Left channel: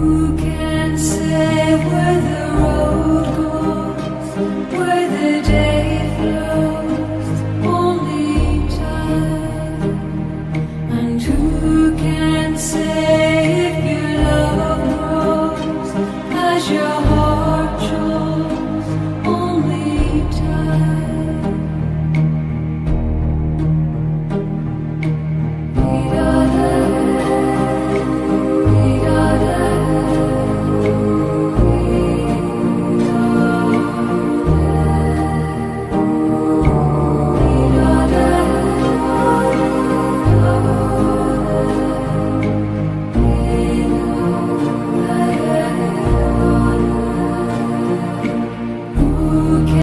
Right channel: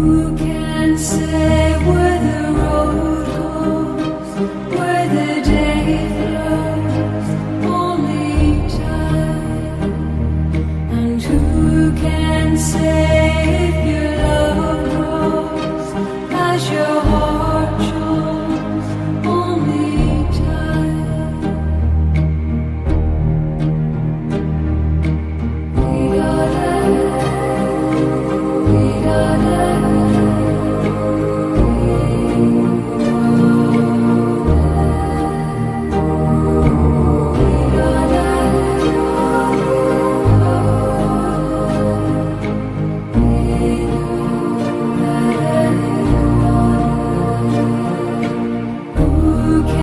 Who can say where the road goes, where the day flows? Only time. And who can say